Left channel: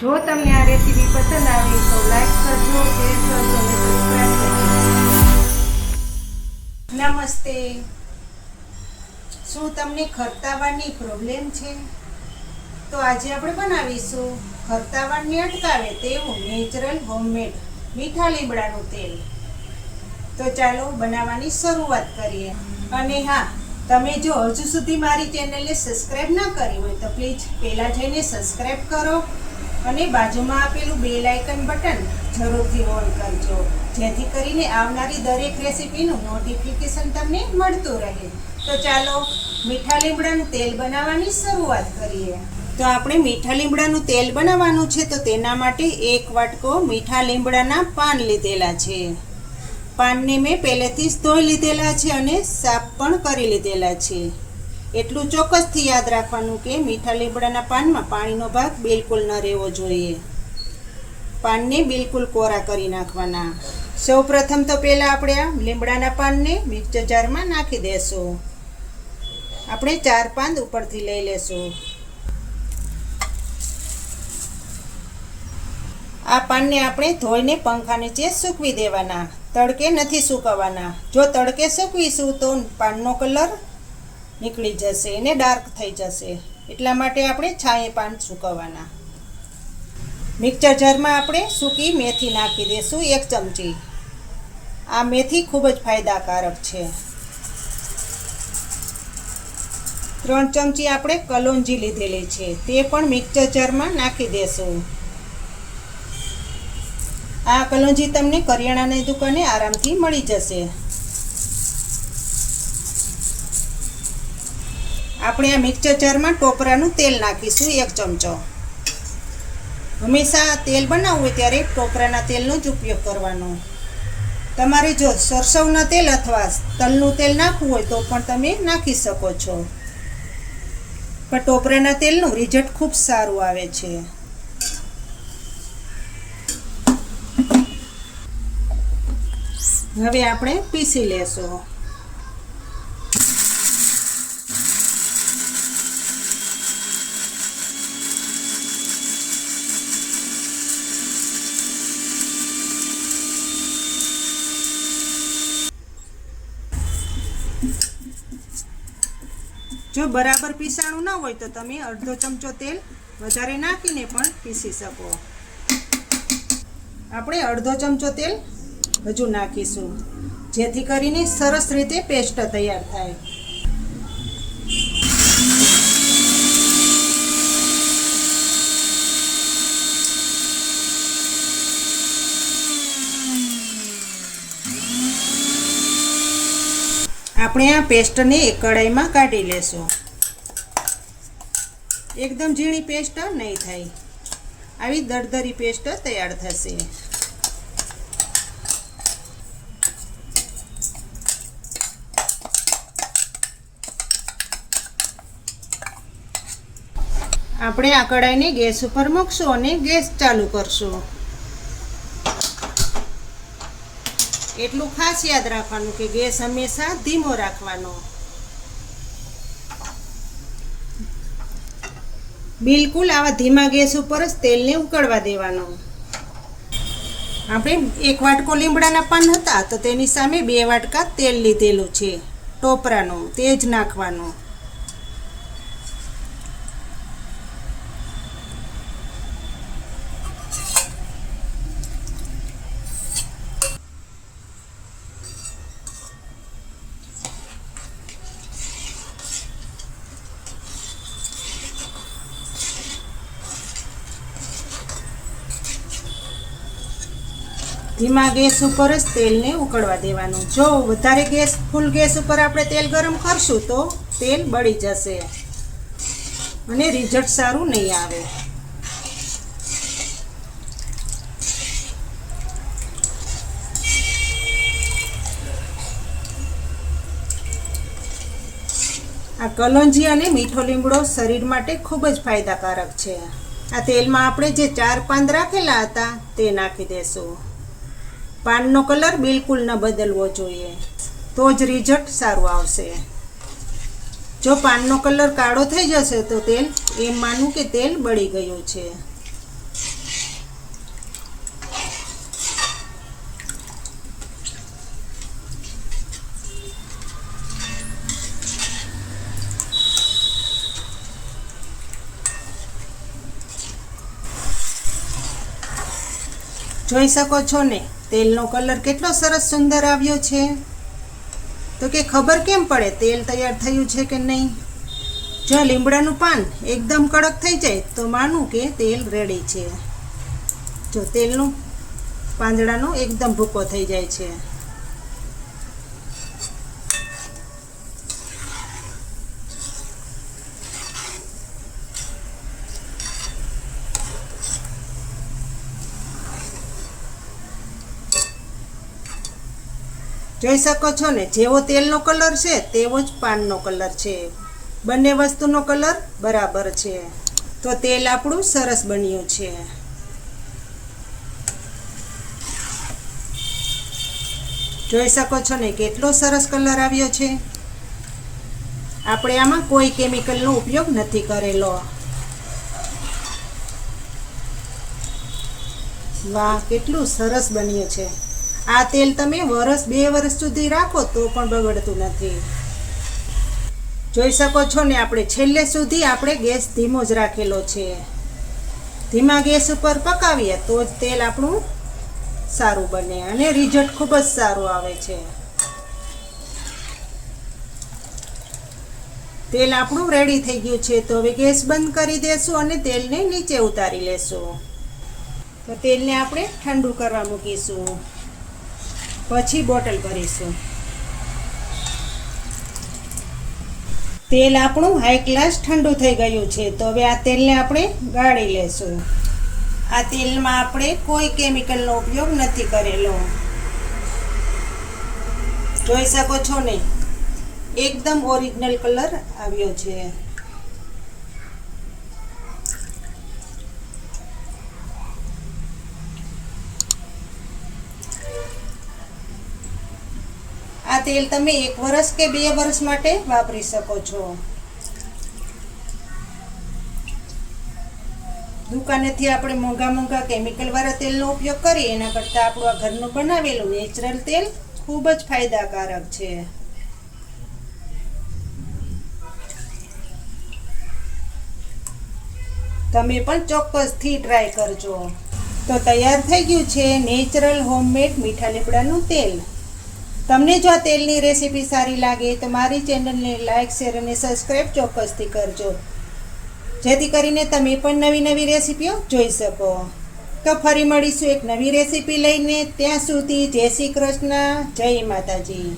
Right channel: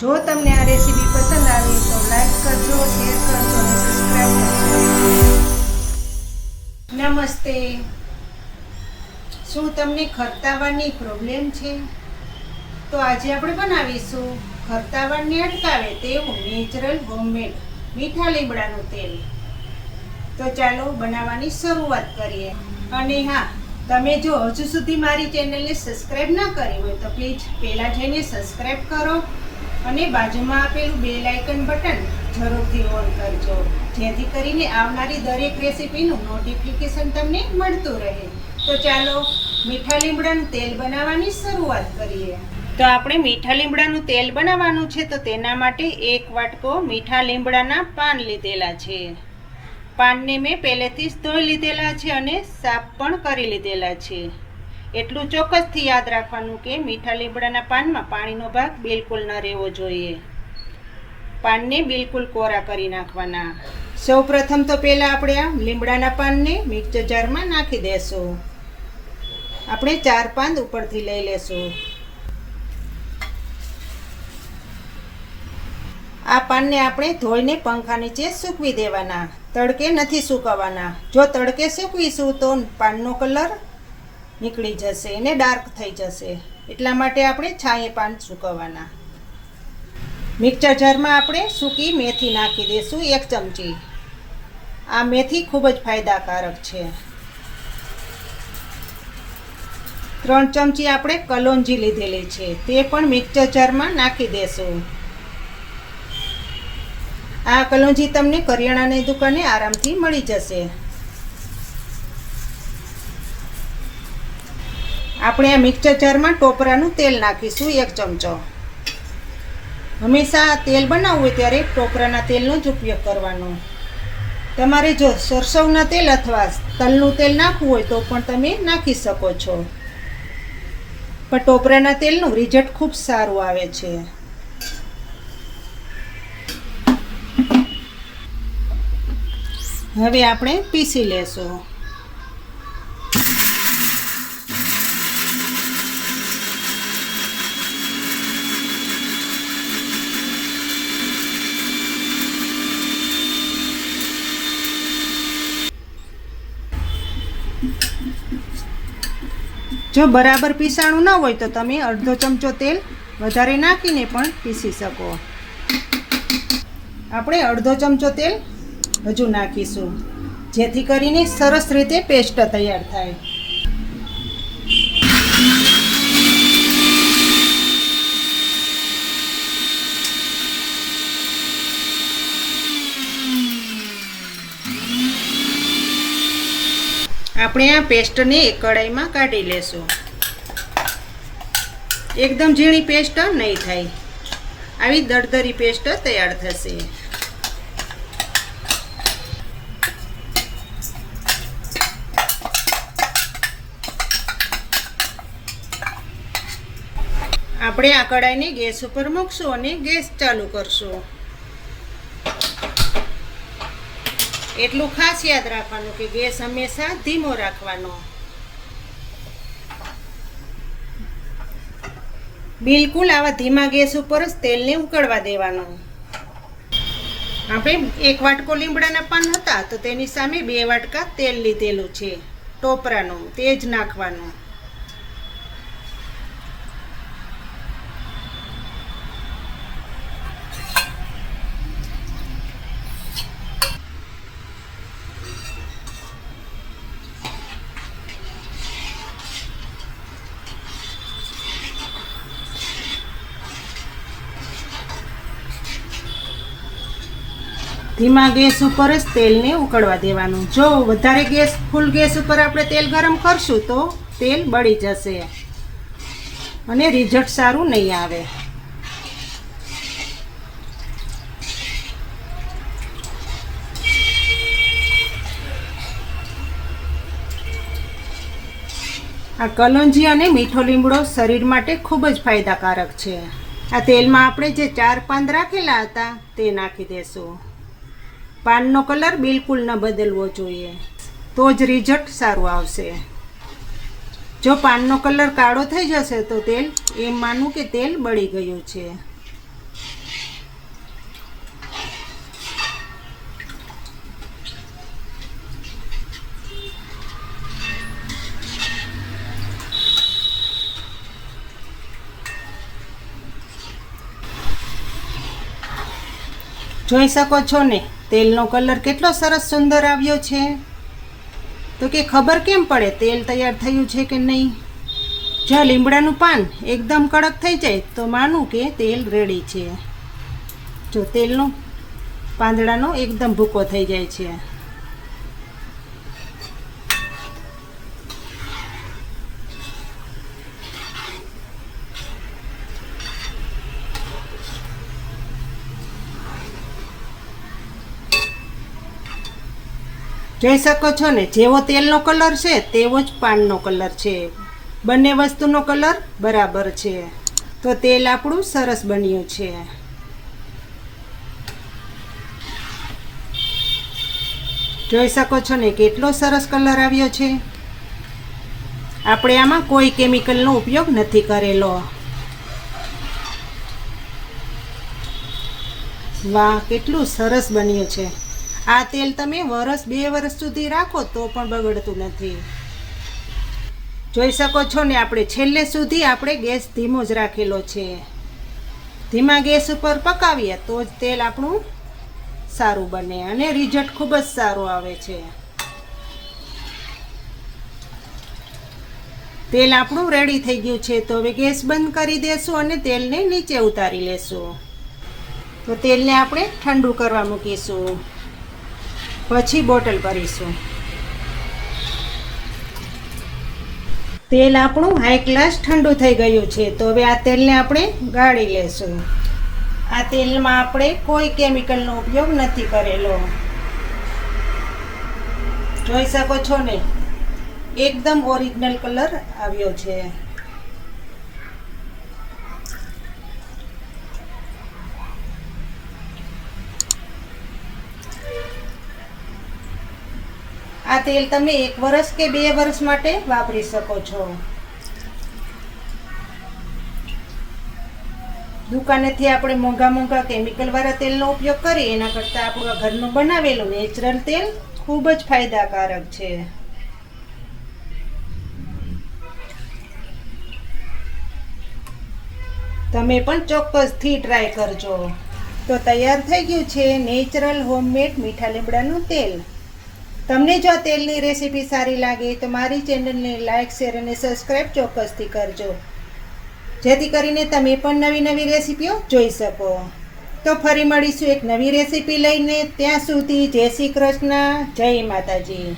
જો તમને આ રેસીપી પસંદ આવી તો લાઈક કરજો, શેર કરજો નમસ્તે. શું તમને ખરતાવાની પ્રોબ્લેમ છે? તો આજે આપણે બનાવીશું ખરતાવાળને અટકાવે તેવું નેચરલ હોમમેડ મીઠા લીમડાનું તેલ. તો ચાલો બનાવવાની શરૂઆત કરીએ. અને હા, તમે જો હજુ સુધી મારી ચેનલને સબસ્ક્રાઈબ ન કરી હોય તો પ્લીઝ પહેલાં જઈને સબસ્ક્રાઈબ કરો. અને બાજુમાં આપેલું બેલ આઇકન બટન જરૂરથી ઓન કરજો. જેથી કરીને આવનારી દરેક રેસીપીનું નોટિફિકેશન તમને મળતું રહે. તો ચાલો, મીઠા લીમડાનું તેલ બનાવવાની શરૂઆત કરીએ. તો આપણે મીઠા લીમડાનું તેલ બનાવવાનું છે, તો તેના માટે એક વાટકો મીઠા લીમડાના પાન લીધેલા છે. પાનને મેં પહેલેથી જ ધોઈ લીધેલા છે અને સાફ પણ કરી લીધેલા છે. એટલું ચોક્કસથી યાદ રાખવાનું કે મીઠા લીમડાના પાનમાં પાણીનો ભાગ બિલકુલ ન રહેવો જોઈએ. પાનને બિલકુલ કોરા કરી નાખવાના. સૌ પ્રથમ તો પહેલાં આપણે આ લીમડાના પાનને મિક્સર જારમાં નાખી દેશું. આપણે ચાર પાન ઉપરથી લઈ લેશું. આ પાનને આપણે ધોઈને પંખા નીચે સૂકવી દેવાના. તડકે નથી સૂકવવાના જો તડકે સૂકવીશું તો પાનનો કલર નીકળી જશે, એને ડાર્ક થઈ જશે. એટલા માટે આપણે છાંયે પાન સૂકવવાના. મિક્સર જારમાં આપણે સૂકી મેથી નાખી દઈશું એક ચમચી. આ મેથી ખૂબ જ ફાયદાકારક છે. ત્રણ ચમચી આપણે કલોંજી લીધેલી છે, તે પણ મિક્સર જારમાં નાખી દેશું. આ કલોંજી તમને કરિયાણાની દુકાને આરામથી મળી જશે. આપણે આ મિક્સર જારમાં ટોપરાનું તેલ નાખીશું એક ચમચો. હંમેશા તેલ બનાવવું હોય ત્યારે ટોપરાના તેલનો જ ઉપયોગ કરવાનો. તમારે જો સરસવના તેલ અથવા તલનું તેલ નાખવું હોય તો પણ તમે નાખી શકો છો. પણ ટોપરાના તેલનું રિઝલ્ટ ખૂબ સારું આવે છે. હવે આપણે પીસી લેશું. જો બરાબર પીસાણું ન હોય તો તમે અડધો ચમચો તેલ વધારે નાખીને પણ પીસી શકો. આપણે અડધો ચમચો તેલ હજુ નાખીશું, જેથી કરીને સરસ રીતે પેસ્ટ તૈયાર થાય. આપણે આ પેસ્ટને કઢાઈમાં કાઢી લેશું. એકદમ ઝીણી પેસ્ટ નહીં થાય. આવી દળદરી પેસ્ટ તૈયાર થશે. આપણે આ કઢાઈને ગેસ ઉપર મૂકશું અને ગેસ ચાલુ કરશું. એટલું ખાસ યાદ રાખવાનું કે ગેસ હંમેશા ધીમો રાખવાનો. બિલકુલ આવા ધીમા ગેસ ઉપર જ તેલને ઉકળવા દેવાનું. આપણે એક વાટકો લીમડાના પાન હતા તો તેની સામે બે વાટકા તેલ લીધેલું છે. ટોપરાનું તે જ નાખવાનું. ધીમા ગેસ ઉપર જ તેલને ઉકળવા દેવાનું. જો વધારે ગેસ, ફૂલ ગેસ ઉપર આપણે તેલ ગરમ કરશું તો તેલ બળી જશે. અને રિઝલ્ટ સારું નહીં આવે. આ કલોંજી અને મીઠો લીમડો શરીર માટે ખૂબ જ ફાયદાકારક છે. આ તેલમાં આપણે જે ચાર પાંદ રાખેલા હતા તે નાખી દેશું. પાનનો કલર બિલકુલ ન બદલવો જોઈએ. તો જ રિઝલ્ટ સારું આવશે. જો પાનનો કલર કાળો થઈ જશે તો તેલ એમ માનું કે તેલ બળી ગયું છે. જોઈ શકો છો ને? તેલનો કલર કેટલો સરસ સુંદર આવ્યો છે. તો કે ખબર કેમ પડે તેલ તૈયાર થયું છે કે નહીં? જો લીમડાનું પાન એકદમ કડક થઈ જાય તો માનું કે તેલ રેડી છે. જો તેલનું પાંદડાનો એકદમ ભૂકો થઈ જાય છે. જોઈ શકો છો ને, જેવો તેલનો કલર છે, તેવો જ પાનનો કલર છે. બંને વસ્તુનો કલર બરાબર છે. તો તેલ આપણું સરસ બન્યું છે. જોઈ શકો છો ને, કેટલો સરસ કલર આવ્યો છે. આપણે આમાં કોઈ કેમિકલનો ઉપયોગ નથી કરેલો. વાહ, કેટલું સરસ બન્યું છે. આ તેલ તમે વરસ બે વર્ષ સુધી રાખો તો પણ બગડતું નથી. જોઈ શકો છો ને, આપણે છેલ્લે સુધી આપણે ગેસ ધીમો જ રાખેલો છે. ધીમા ગેસ ઉપર પકાવીએ તો જ તેલ આપણું સારું બને અને રિઝલ્ટ ખૂબ જ સારું આવે છે. તેલ આપણું રેડી થઈ ગયું છે તો હવે ગેસ બંધ કરી દેશું અને તેલને નીચે ઉતારી લેશું. તો તેલને આપણે ઠંડુ કરવા મૂકીશું. પછી બોટલ ભરીશું. તેલ આપણું હાઈ ક્લાસ ઠંડુ થઈ ગયું છે, તો હવે આ તેલને આપણે ગાળી લેશું. આ તેલમાં આપણે કોઈ કેમિકલનો ઉપયોગ નથી કરેલો. જોઈ શકો છો ને? એકદમ ઓરિજિનલ કલર આવ્યો છે. આ તેલ તમે એક વર્ષ કે બે વર્ષ માટે વાપરી શકો છો. દુકાનેથી આપણે મોંઘા મોંઘા કેમિકલવાળા તેલનો ઉપયોગ કરીએ એના કરતાં આપણું આ ઘરનું બનાવેલું નેચરલ તેલ ખૂબ જ ફાયદાકારક છે. તમે પણ ચોક્કસથી ટ્રાય કરજો. તો તૈયાર થઈ ગયું છે નેચરલ હોમમેડ મીઠા લીમડાનું તેલ. તમને જો આ તેલની રેસીપી સારી લાગે, તો મારી ચેનલને લાઇક શેર અને સબસ્ક્રાઈબ ચોક્કસથી કરજો. જેથી કરીને તમે પણ નવી નવી રેસીપીઓ જોઈ શકો. તો ફરી મળીશું એક નવી રેસીપી લઈને. ત્યાં સુધી જય શ્રી કૃષ્ણ, જય માતાજી.